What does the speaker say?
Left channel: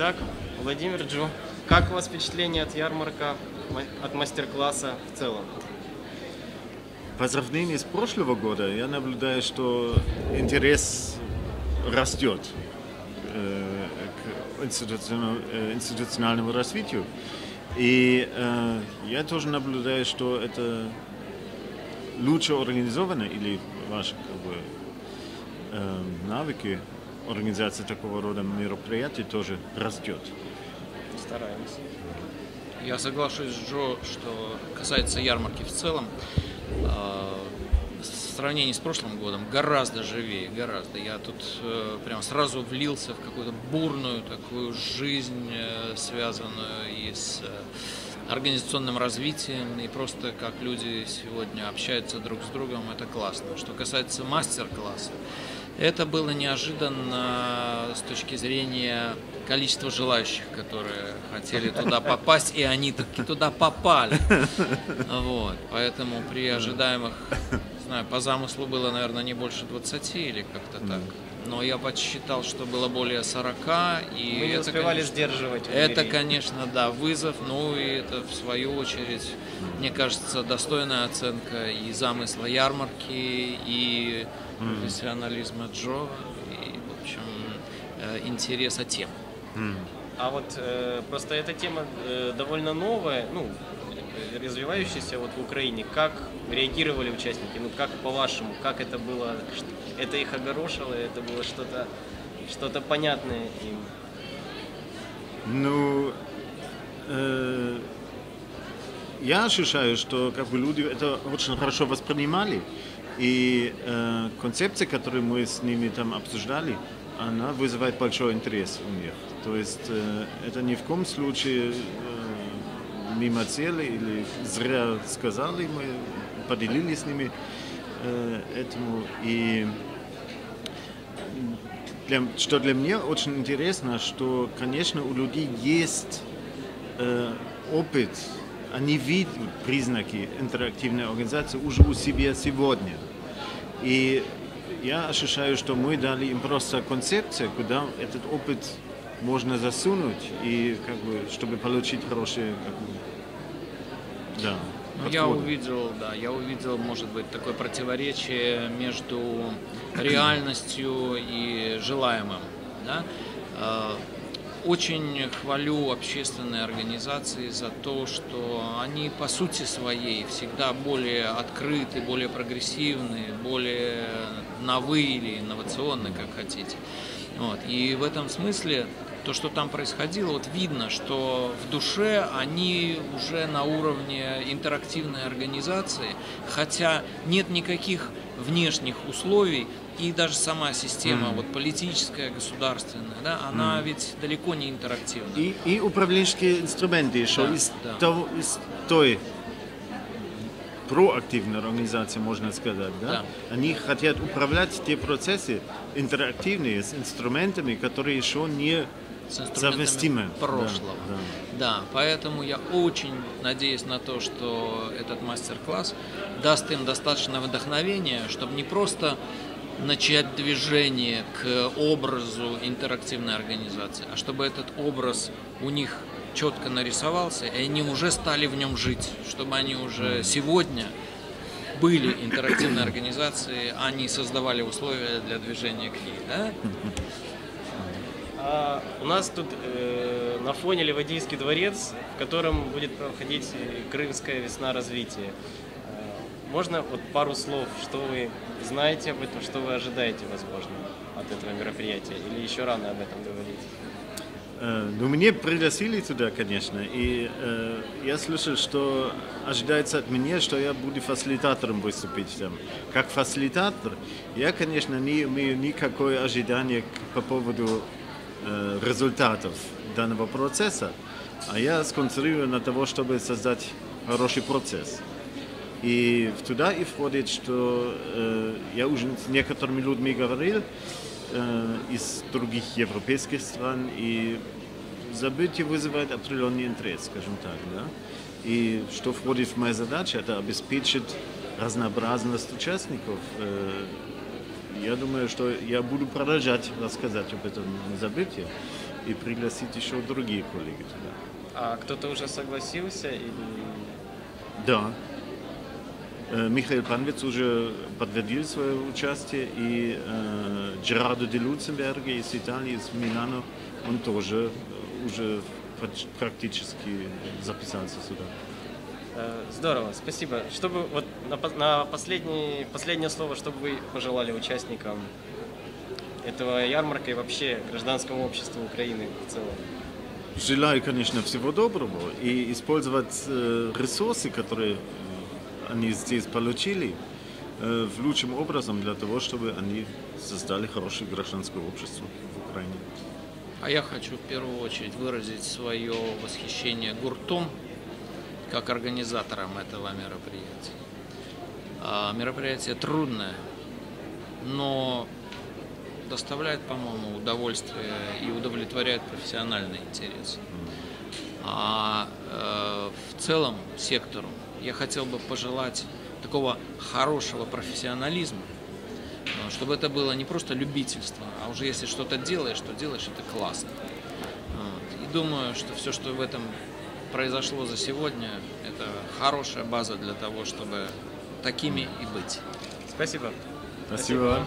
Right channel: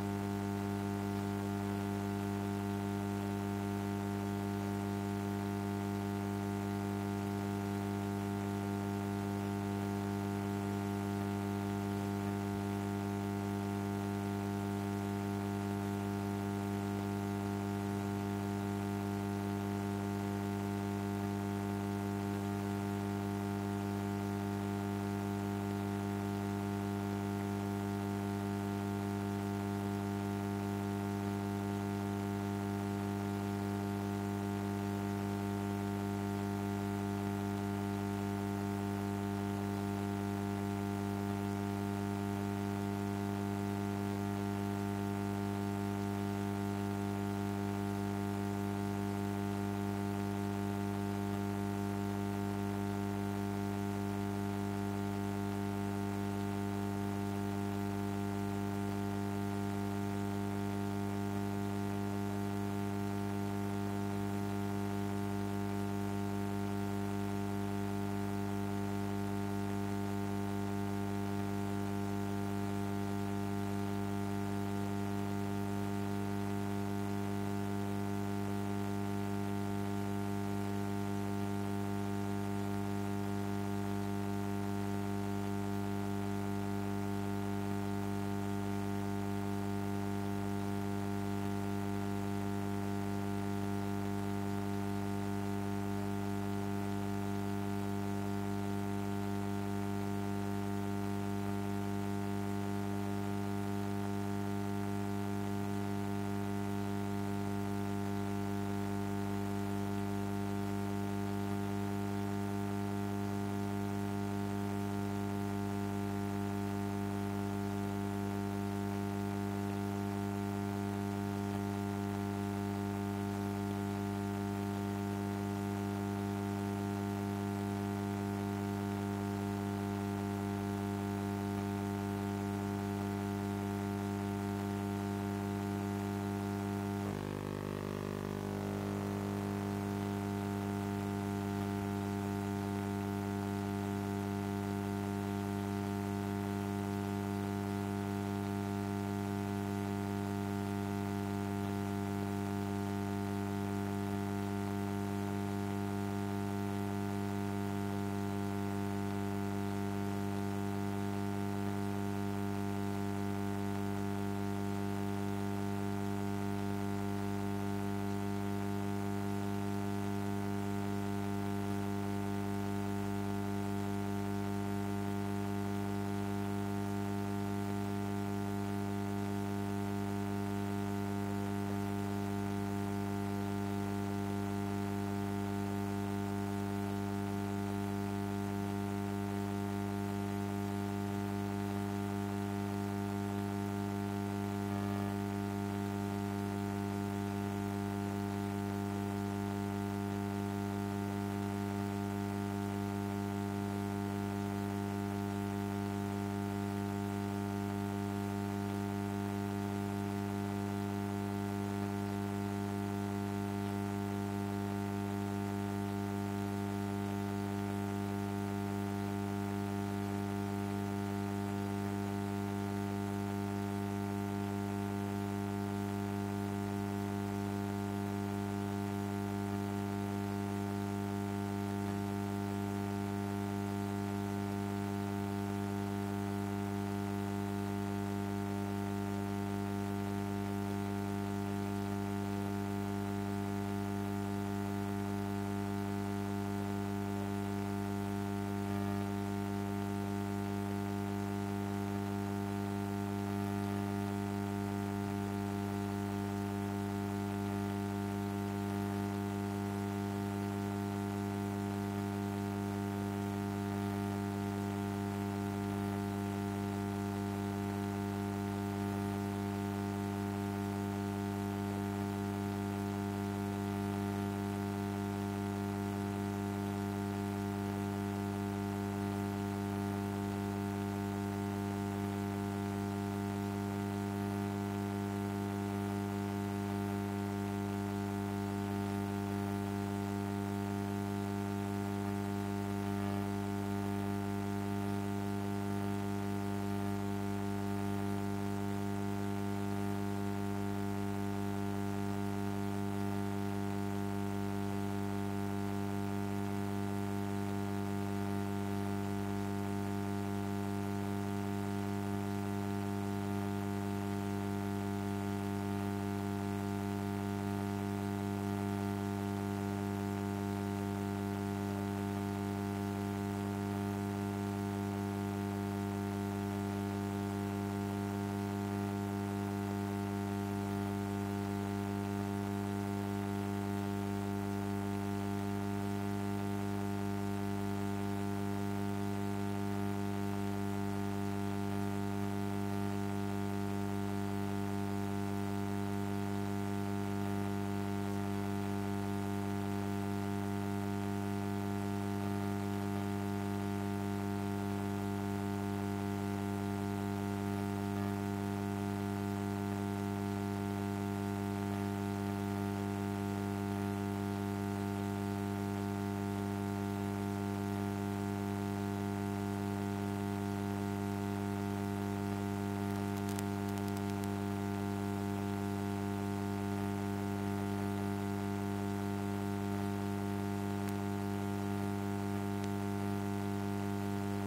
Итак, Владимир Джу, как у вас впечатление от ярмарка, ма- от мастер-класса в целом? По сравнению с прошлого года, я наблюдаю, что интерес растет э, к э, институциональному развитию. И э, я тоже наблюдаю, что это лучше организовано, или ваши как бы, навыки организации такого рода мероприятий тоже растет. Стараемся. Я соглашусь с Джо, что касается ярмарки в целом, э, в сравнении с прошлым годом гораздо живее, гораздо. Я тут э, прям сразу влился в какую-то бурную такую жизнь, э, связанную и с э, организационным развитием, и просто как люди сегодня общаются друг с другом, это классно. Что касается мастер-класса, это было неожиданно с точки зрения количества желающих, которые хотели туда попасть, и они таки туда попали. Вот. Поэтому при ожидаемых, не знаю, по замыслу было, наверное, не больше 20 или как-то так. Но я подсчитал, что было более 40, и Мы не это, успевали конечно, сдерживать. это, конечно, да, вызов, ну и это в свою очередь, мне кажется, достойная оценка и замысла ярмарки, профессионализма Джо, и, в общем, э, интереса тем. А вот э, просто эта тема э, довольно новая, ну, развивающаяся вот в Украине. Как реагировали участники? Ну, как по-вашему, как это было? Это их огорошило, это было что-то что понятное им? Ну, э, я ощущаю, что как бы люди это очень хорошо воспринимали. И э, концепция, которую мы с ними там обсуждали, она вызывает большой интерес у них. То есть э, это ни в коем случае э, мимо цели или зря сказали, мы поделились с ними э, этому. И для- что для меня очень интересно, что, конечно, у людей есть э, опыт, они видят признаки интерактивной организации уже у себя сегодня. И я ощущаю, что мы дали им просто концепцию, куда этот опыт можно засунуть, и как бы, чтобы получить хорошие как бы, да, Ну, Я подходы. увидел, да, я увидел, может быть, такое противоречие между реальностью и желаемым. Да? Очень хвалю общественные организации за то, что они по сути своей всегда более открыты, более прогрессивны, более новые или инновационны, как хотите. Вот. И в этом смысле то, что там происходило, вот видно, что в душе они уже на уровне интерактивной организации, хотя нет никаких внешних условий, и даже сама система, Мгм. вот политическая, государственная, да, она Мгм. ведь далеко не интерактивна. И, и управленческие инструменты еще Да, из, да. того, из той проактивной организации, можно сказать. Да? Да. Они хотят управлять те процессы интерактивные с инструментами, которые еще не совместимы. прошлого. Да, Да, поэтому я очень надеюсь на то, что этот мастер-класс даст им достаточно вдохновения, чтобы не просто начать движение к образу интерактивной организации, а чтобы этот образ у них четко нарисовался, и они уже стали в нем жить, чтобы они уже сегодня были интерактивной организацией, они создавали условия для движения к ней. Да? А у нас тут э, на фоне Ливадийский дворец, в котором будет проходить Крымская весна развития. Э, Можно вот пару слов, что вы знаете об этом, что вы ожидаете, возможно, от этого мероприятия? Или еще рано об этом говорить? Э, Ну, мне пригласили туда, конечно, и э, я слышал, что ожидается от меня, что я буду фасилитатором выступить там. Как фасилитатор, я, конечно, не имею никакое ожидание по поводу э, результатов данного процесса, а я сконцентрирован на того, чтобы создать хороший процесс. И туда и входит, что э, я уже с некоторыми людьми говорил э, из других европейских стран, и событие вызывает определенный интерес, скажем так. Да? И что входит в мою задачу, это обеспечить разнообразность участников. Э, Я думаю, что я буду продолжать рассказать об этом событии. И пригласить еще другие коллеги туда. А кто-то уже согласился или Да. Э, Михаил Панвиц уже подтвердил свое участие, и э, Джерадо де Люценберге из Италии, из Милана, он тоже уже практически записался сюда. Э, Здорово, спасибо. Чтобы вот на, на последний, последнее слово, что бы вы пожелали участникам этого ярмарка и вообще гражданскому обществу Украины в целом? Желаю, конечно, всего доброго и использовать э, ресурсы, которые они здесь получили, э, в лучшим образом для того, чтобы они создали хорошее гражданское общество в Украине. А я хочу в первую очередь выразить свое восхищение гуртом как организатором этого мероприятия. А, Мероприятие трудное, но доставляет, по-моему, удовольствие и удовлетворяет профессиональный интерес. А э, в целом сектору я хотел бы пожелать такого хорошего профессионализма, чтобы это было не просто любительство, а уже если что-то делаешь, то делаешь это классно. Вот. И думаю, что все, что в этом произошло за сегодня, это хорошая база для того, чтобы такими и быть. Спасибо. Спасибо.